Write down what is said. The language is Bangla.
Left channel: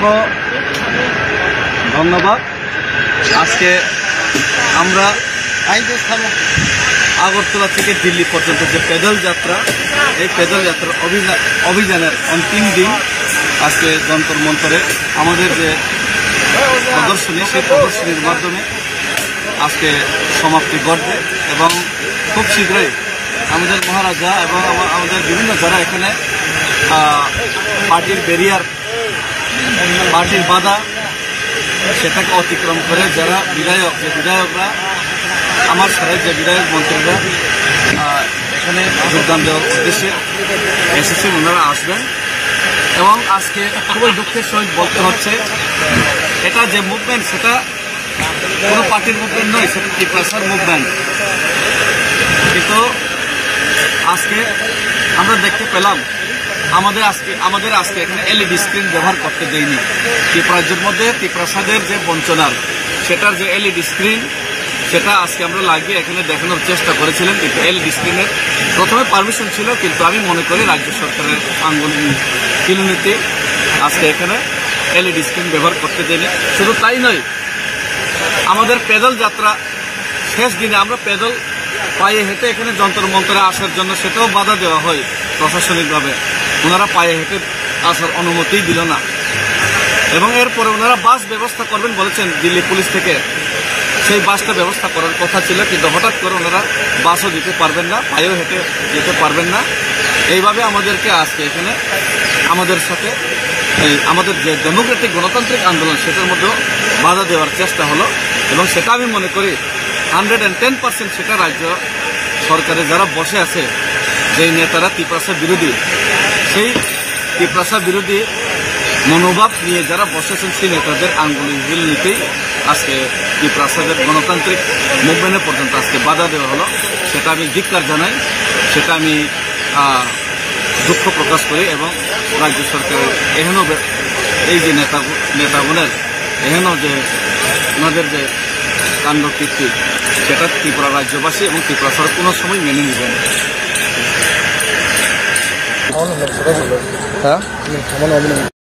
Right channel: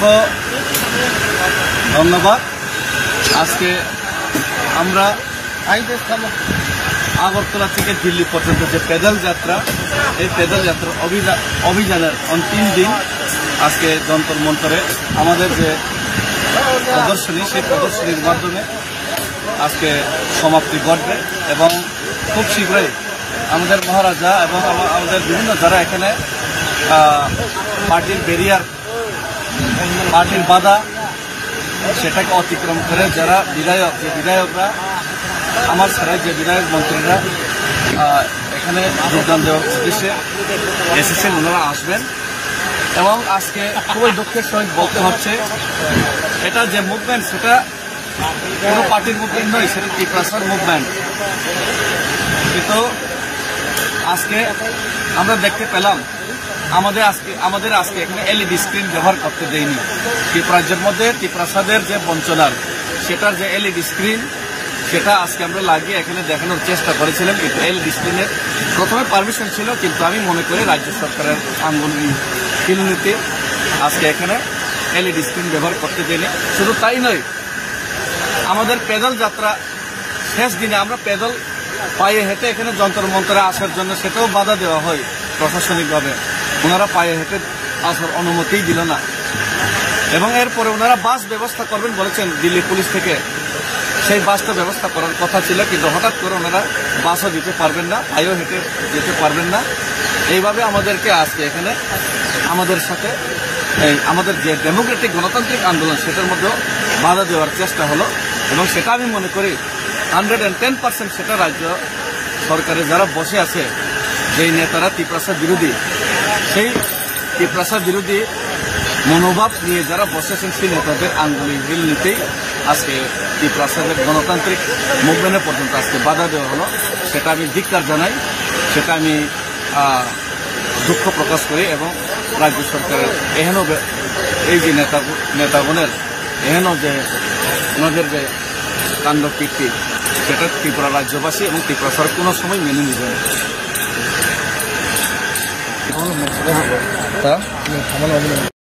অসংখ্য ধন্যবাদ। আজকে আমরা আগরতলা থেকে দিল্লি পর্যন্ত যে পেদল যাত্রা, এই পেদল যাত্রা অভিযানের অন্তিম দিন আজকে যন্তর মন্তরে আমাদের যে প্রদর্শনী, সেই প্রদর্শনীর মাধ্যমে আজকে সমাপ্তি ঘটবে এবং খুব শীঘ্রই আমাদের মহারাজা এবং আমাদের বিভিন্ন যারা এখানে পার্টির ব্যারিয়ার, পার্টির বাধা সেটাকে অতিক্রম করে যারা বিধায়করা আমার ছাড়াই যে বিধায়ক মন্ত্রীরা এখানে যোগদান দেওয়ার উদ্দেশ্যে এসেছেন, ওনারা আসবেন। এবং আজকে খুবই দুঃখের সহিত বলতে হচ্ছে, এটা যে মুভমেন্ট সেটা কোনো পার্টির মুভমেন্ট নয়, সেটা ত্রিপুরাসার মুভমেন্ট। কিন্তু আজকে আমরা দেখতে পেলাম আমাদের আজকে এখানে এলইডি স্ক্রিন ব্যবহার করতে দেয়নি। ত্রিপুরাজ্যের মধ্যে ত্রিপুরাসাদের যে বঞ্চনার, সেটার যে এলইডি স্ক্রিন সেটা আজকে আমরা লাগিয়ে এখানে দেখানোর চেষ্টা করেছিলেন। কিন্তু এলইডি স্ক্রিনের প্রথমে পারমিশন ছিল, কিন্তু আমি মনে করি রাজ্য সরকারের কিলোমিতে আজকে এখানে এলইডি স্ক্রিন ব্যবহার করতে দেয়নি। শুধু তাই নয়, আমাদের পেদল যাত্রা শেষ দিনে আমরা পেদল পায়ে হেঁটে এখানে যন্তর মন্তরে আসার জন্য সেটাও বাধা দেওয়া হয় প্রশাসনিকভাবে। ওনারা পায়ে হেঁটে আসার অনুমতি দিল না এবং এরপরে ওনারা বাস ব্যবস্থা করবেন বলেছেন দিল্লি পুলিশ থেকে। সেই বাসটা ব্যবস্থা করার কথা ছিল, কিন্তু হঠাৎ করে ওনারা বাসও দিতে পারবেন না, পায়েও হেঁটে যেতে পারবেন না। এইভাবে আমাদেরকে আজকে এখানে আমাদের সাথে আমাদের যে ডেমোক্রেটিক গণতান্ত্রিক আন্দোলন সেটার মধ্যেও বাধা দেওয়ার চেষ্টা হলো। এবং সেটা আমি মনে করি 110% সেটা রাজ্য সরকারে যারা বসে আছে, যেই নেতারা ত্রিপুরাসা বিরোধী, সেই ত্রিপুরাসা বিরোধী মনোভাব নিয়ে যারা বসেছেন, সেই নেতাদের আঙ্গুলের হিল নিতেই আজকে ত্রিপুরাসাদের গণতান্ত্রিক মুভমেন্টে পর্যন্ত আজকে বাধা দেওয়া হলো। সেটা আমি ধিক্কার জানাই, সেটা আমি দুঃখ প্রকাশ করি। এবং রাজ্য সরকারের এহেন এই যে নেতাগণের এহেন যে ওনাদের যে কাণ্ডকীর্তি, সেটা ত্রিপুরা রাজ্যবাসী এবং ত্রিপুরা সরকার কোনো সময় মেনে নিবে না।